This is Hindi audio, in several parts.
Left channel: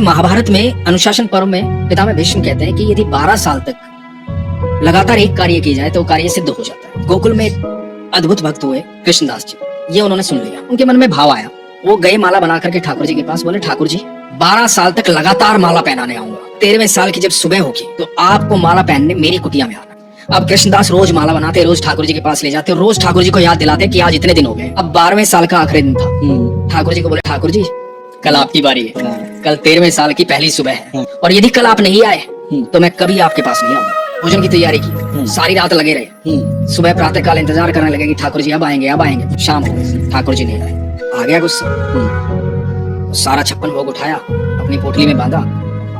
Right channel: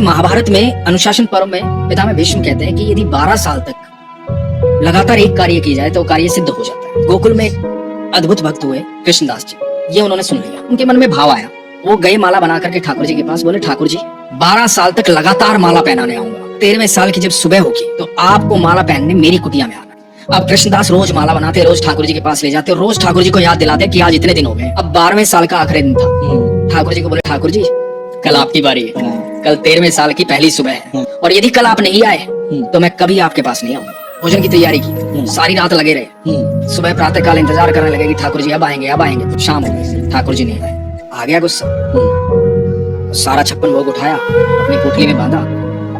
महाभारत में अनुशासन पर्व में पितामह भीष्म कहते हैं कि यदि 12 साल तक लगातार एक कार्य किया जाए तो वो कार्य सिद्ध हो जाता है। गोकुल में एक अद्भुत भक्त हुए कृष्णदास जी, ये उन्होंने सुन लिया, उनके मन में भाव आया, वो गए माला बना करके ठाकुर जी के पास, बोले ठाकुर जी 12 साल तक लगातार माला पहनाने आऊंगा, 13वें साल की जब सुबह होगी तो आपको माला पहनने मेरी कुटिया में आना। अब कृष्णदास रोज माला बनाते, रोज ठाकुर जी के पास ले जाते, रोज ठाकुर जी को याद दिलाते कि आज इतने दिन हो गए। अब 12वें साल का आखिरी दिन था। ठाकुर जी को बोले ठाकुर जी कल आपकी बारी है, कल 13वें साल की पहली सुबह है, और यदि कल आप नहीं आए तो मैं कभी आपके पास नहीं आऊंगा। भोजन की तैयारी की, सारी रात लगे रहे, सुबह प्रातः काल इंतजार करने लगे कि ठाकुर जी अब आएंगे अब आएंगे। शाम हो गई, ठाकुर जी नहीं आए, आ गया गुस्सा, सारा 56 भोग उठाया, अपनी पोटली में बांधा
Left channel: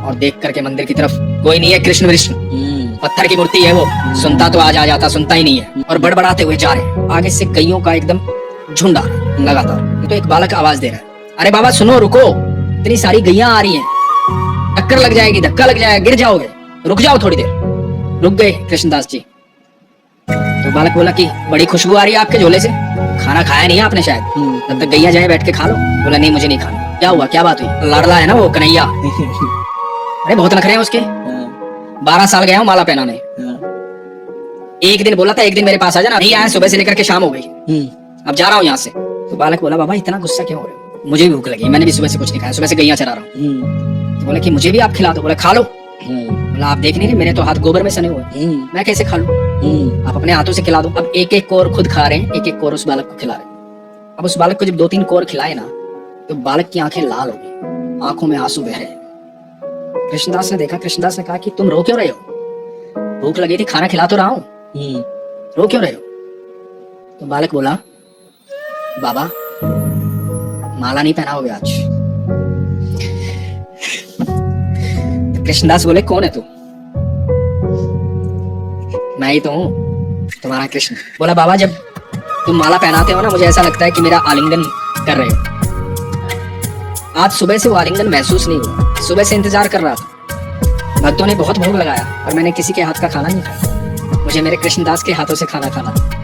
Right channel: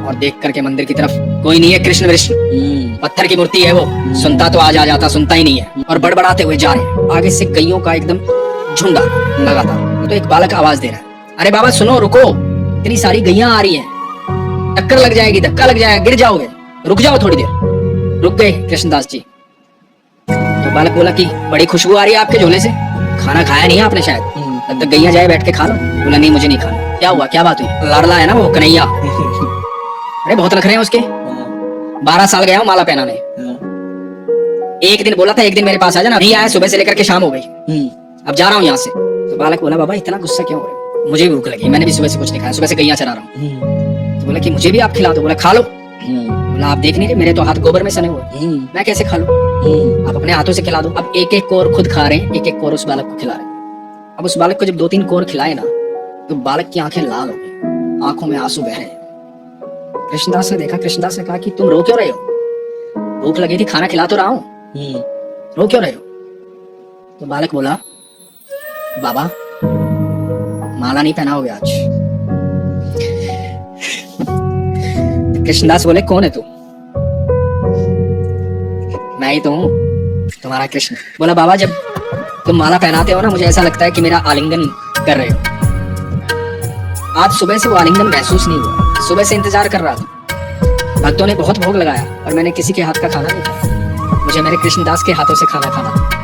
और देख करके मंदिर की तरफ, कोई नहीं है कृष्ण विष्णु, पत्थर की मूर्ति है वो, सुनता तो आज आ जाता, सुनता ही नहीं है, और बड़बड़ाते हुए जा रहे। आगे से गइयों का एकदम झुंड आ रहा लगातार। तो एक बालक आवाज दे रहा है, अरे बाबा सुनो, रुको, इतनी सारी गैया आ रही हैं, टक्कर लग जाएगी, धक्का लग जाएगा, गिर जाओगे, रुक जाओ थोड़ी देर। रुक गए कृष्णदास जी। तो बालक बोला कि बड़ी खुशबू आ रही है आपके झोले से, खाना खाया नहीं है आपने शायद, तब तक गैया जाए बैठ के खा लो। बोला नहीं मुझे नहीं खाना। क्या हुआ, क्या बात हुई? लाडला है ना वो कन्हैया, अरे बहुत रख रहे हैं उसके, 12 साल गया हूँ माला पहनाने, एक दिन बोला था एक दिन मेरे पास आ जाना, नहीं आया, सुबह से लेकर के शाम हो गई, अब जा रहा हूँ यहाँ से। तो बालक बोला बाबा इतना गुस्सा क्यों हो रहे हो? मुझे भूख लगी, मैंने भी सुबह से कुछ नहीं खाया, सुबह से गैया चरा रहा हूँ। तो बोले कि मुझे भी आप खिला दो। बोला खा लो। बोला आप देख नहीं रहे मेरे तो हाथ गोबर में सने हुए, मैं कैसे खा लूं? आप अपने हाथों से खिला दो। अब एक एक कोर खुद खा रहे, एक एक कोर उस बालक को खिला रहे। अब उस बालक को जब 2-3 कोर खिलाए ना तो बालक की आंखें लाल हो गई, आंखों में आंसू बह रहे। कृष्णदास ने देखा, कृष्णदास ने कहा कि तुम रो क्यों रहे हो? भूख लगी थी, खाना खिला तो रहा हूं, रो क्यों रहे हो? तो बालक बोला बाबा माला नहीं पहनाओगे आज। कृष्णदास बोले कौन है तू? मैं ही तो हूं, तुम्हारा कृष्ण। बोला बाबा जब तुम माला पहनाते हो ना मुझे ऐसा लगता है कि मेरा आलिंगन कर रहे हो। आज सुबह से वो आलिंगन महसूस नहीं हुआ, सुबह से इंतजार कर रहा था, भक्तों ने बहुत भोग लगाया और मैंने किसी के हाथ का खाना नहीं खाया, मुझे मेरे कृष्णदास के हाथों से खाना खाना था।